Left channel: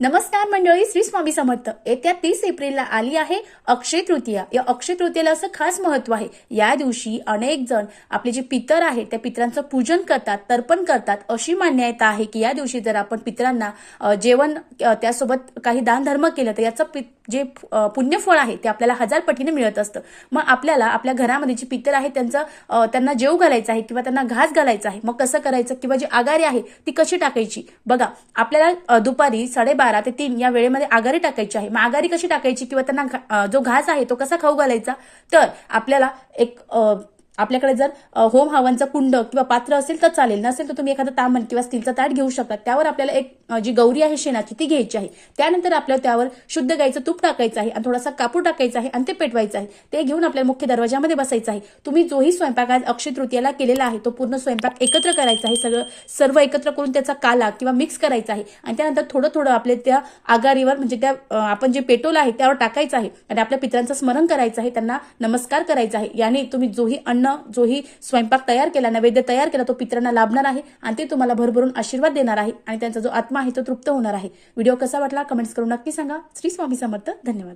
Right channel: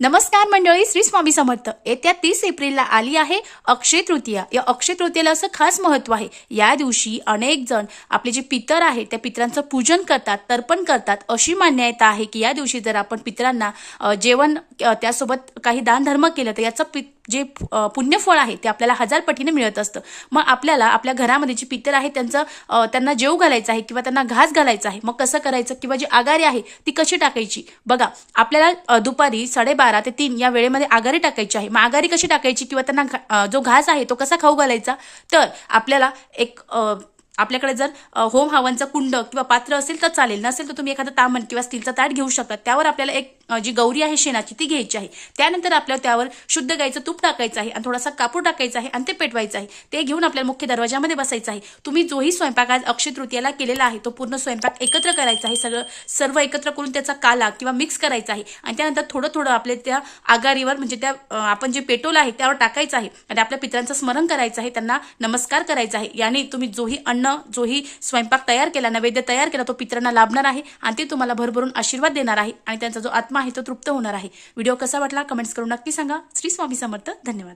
नमस्कार मंडळी, श्री स्वामी समर्थ. येत्या 30 एप्रिलला आली आहे अक्षय तृतीया. या अक्षय तृतीयेला असं खास महत्व आहे. या दिवशी अनेक जण आपले जे पितर आहेत त्या पितरांचं पूजन करतात, तर्पण करतात. अशी मान्यता आहे की या दिवशी जर आपण पितरांना जेवण त्यासोबत काही दान धर्म केलं तर याचं जे पुण्यफळ आहे ते आपल्याला 1000 पटीने मिळत असतं. मग आपल्याला आपल्या घरामध्ये जे पितर आहे त्यांना जेव घालायचं आहे किंवा त्यांना घास घालायचा आहे. मग कसं करायचं किंवा जी आगारी आहे ती कशी टाकायची बघा. आपल्याला दुपारी 12:30 ते 3 या वेळेमध्ये आगारी टाकायची आहे. मग आगारी कशी टाकायची किंवा त्यांना जो घास आहे तो कसा खाऊ घालायचा, तर आपल्याला आपल्याकडे जर होम हवनचा कुंड किंवा पात्र असेल तर चालेल, नसेल तर तुम्ही एखादं तामण किंवा स्टीलचा ताट घेऊ शकता. त्यावर आपल्याला एक जी गौरी आहे शेणाची ती घ्यायची आहे. त्यानंतर आपल्याला त्यावर शुद्ध गाईचं तूप टाकायचं आहे आणि थोडासा कापूर टाकायचा आहे आणि ते पेटवायचं आहे. ते घेऊन आपल्याला मुख्य दरवाजामध्ये बसायचं आहे. तुम्ही जोही स्वयंपाक आज अक्षय तृतीयाला केलेला आहे तो पूर्ण स्वयंपाक एकत्र करायचा आहे. सर्व एकत्र करून त्याचा काला किंवा मिक्स करायचा आहे आणि त्यानंतर थोडं थोडं आपल्या त्या आगारीवर म्हणजे त्या आपण जे पेटवलं आहे त्यावर टाकायचं आहे आणि आपल्या पितरांचं स्मरण करायचं आहे, त्यांना नमस्कार करायचा आहे. याने तुम्ही जोही स्वयंपाक तयार केला, नैवेद्य तयार केला तो पितरांना लाभणार आहे आणि ते तुम्हाला भरभरून आशीर्वाद देणार आहे आणि त्यांचा जो आत्मा आहे तो तृप्त होणार आहे. व्हिडिओ कसा वाटला कमेंट्स करून नक्की सांगा. श्री स्वामी समर्थ. धन्यवाद.